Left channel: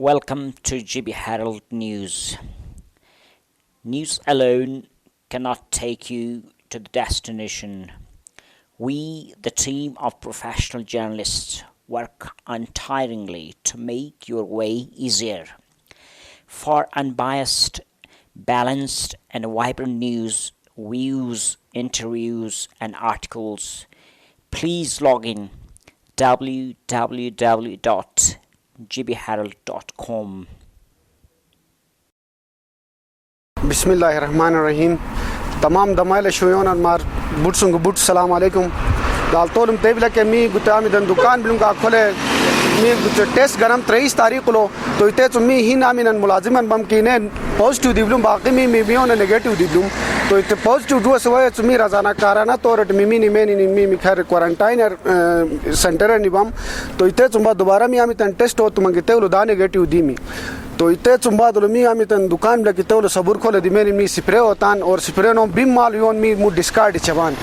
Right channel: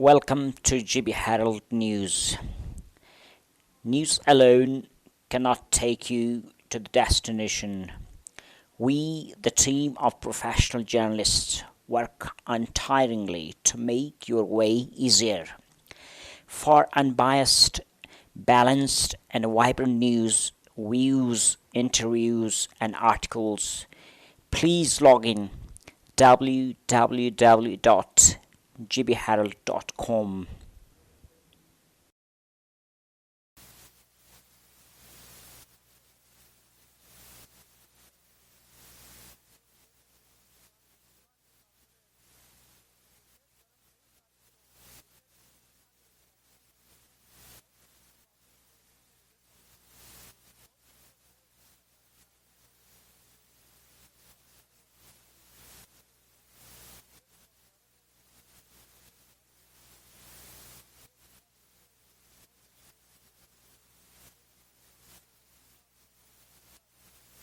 Welcome to GB Herald News. News alone cannot take you to the destination. We, the team of professional journalists, work untiringly to make your way easier. For unbiased, balanced, and vibrant news, views, interviews, and articles, please log in www.gbherald.com. Bismillahirrahmanirrahim. Tamam damayla shoyon mar butsungu but salam alaikum. Dal tolum tebla ke mi gutami dan dukan bilunga khole mi gut test garam 23 तारीख को तो इते तुमी ही नामिनन मुलाजिमन बम कीने positive दिबलुम बाकी मी बियोन negative दिबलुम तो इते positive दुआ सवय तुमी रजाना काराना तोरट मिमी निमेनी निमी खैर क्वारंटाइन सेंटर निबम तो इते तुंबा दोबारा मी आमी तन टेस्ट हो तुमंगे तेवलो दा नेगेटिव दिमी तो इते चुंबा दलमी आमी तन दुकान लगी तो सबूर खोले दिमेनी मी स्प्रे होतान और स्प्रे नो बिम माल योन मी मु डिस्कार्ड चबान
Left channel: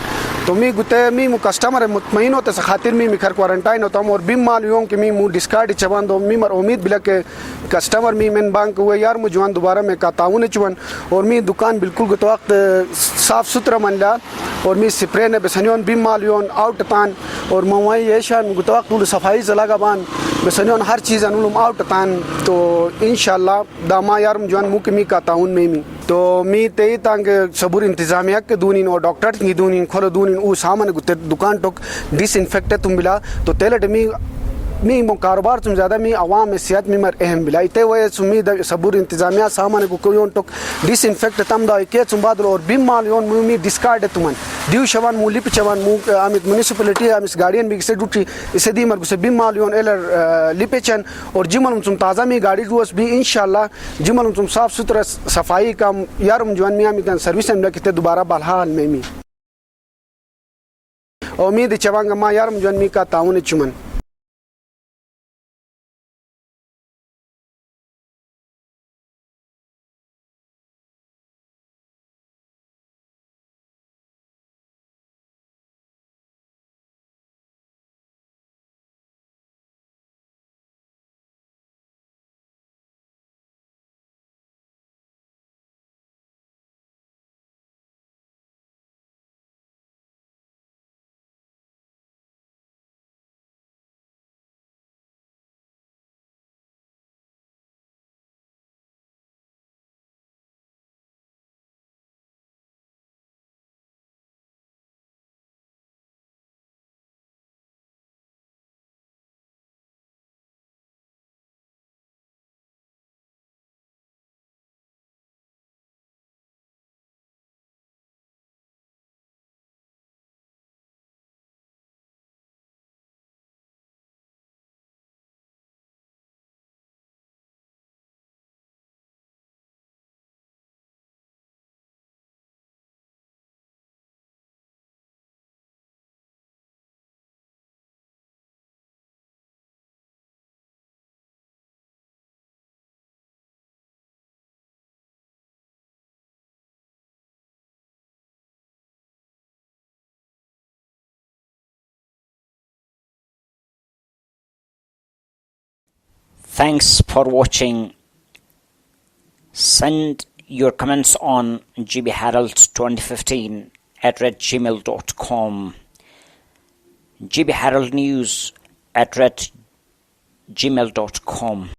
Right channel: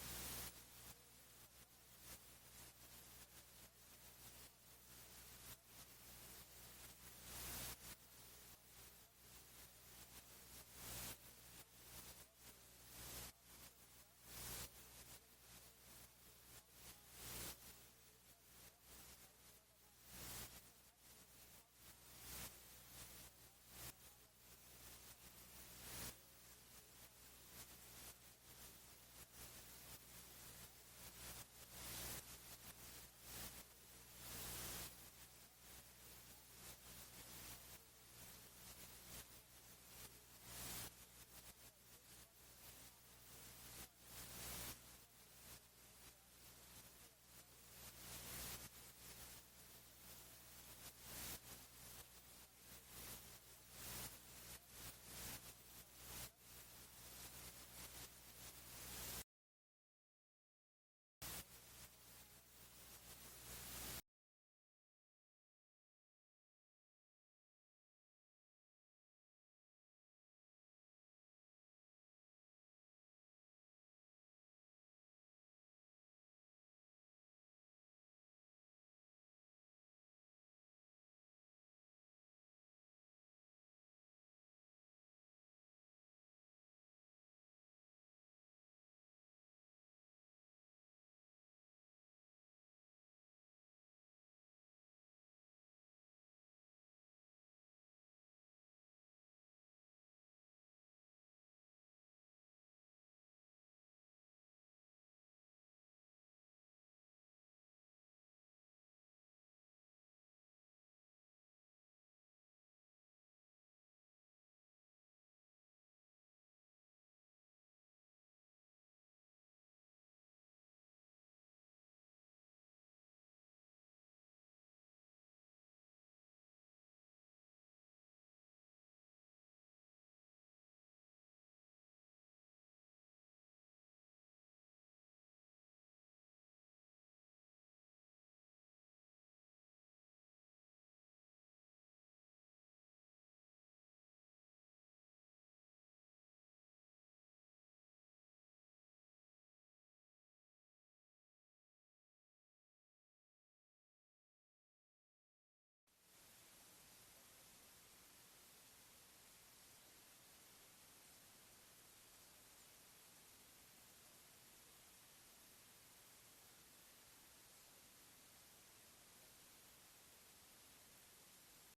तो मी गुते मी मु कस्टमर मुतमईन होते से खातिर मी खैर क्वारंटाइन होता हूं और बिम माल योन के मी मु डिस्कार्ड चबान दो मी मर उम्मीद बिला के कस्टमर मी मेन बैंक हुए यार मु जवान दोबारा में का ताउन चुवन और मी दुकान बिल्कुल गुत वक्त साफ सुथरा मनला और मी स्प्रे ने बेसनियोन बिम माल योन आउट तान और मवाई येशान गुत वक्त सफाई जलागा बान बेसनियोन हर चीज अनुलम आउट तान तो इंशाल्लाह दामा यार जवान मुकमी का ताउन में मी तो मी ते तांगे सबूर इंतजामिया के दूनिन और डॉक्टर की दूनिन खोलो दूनिन उ सामान गुते दुकान टोक डिसइंफेक्टेड तुम बिला तो तेलट मी मो कारोबार तुम ज़्यादा मी आवाम में सेहत में मर अहम बिला इते वह सुमी सबूर इंतजामिया सामान को कोई टोक डिसइंफेक्ट तम दा के तुम बाद और बिम माल योन मी डिस्कार्ड तुमन दिव शवान मूली पिचवान मु आमित म्युनिसिपैलिटी आमिस गार्डियन बिग से डूटी इसे दी मर से बिम माल योन एलर लिपेचन और जिमन तुम ताज़ा मी गाड़ी रोस भी इंशाल्लाह जिमन तुम साफ सुथरा सफाई का यार जवान मी आमित सर्विस में किते दोबारा बलहाल में मी उम्मीद चवांगा मा यार जवान मी का ताउन चुमन Thanks for watching. Send your comments on GB Herald 2015 @gmail.com. GB Herald News @gmail.com.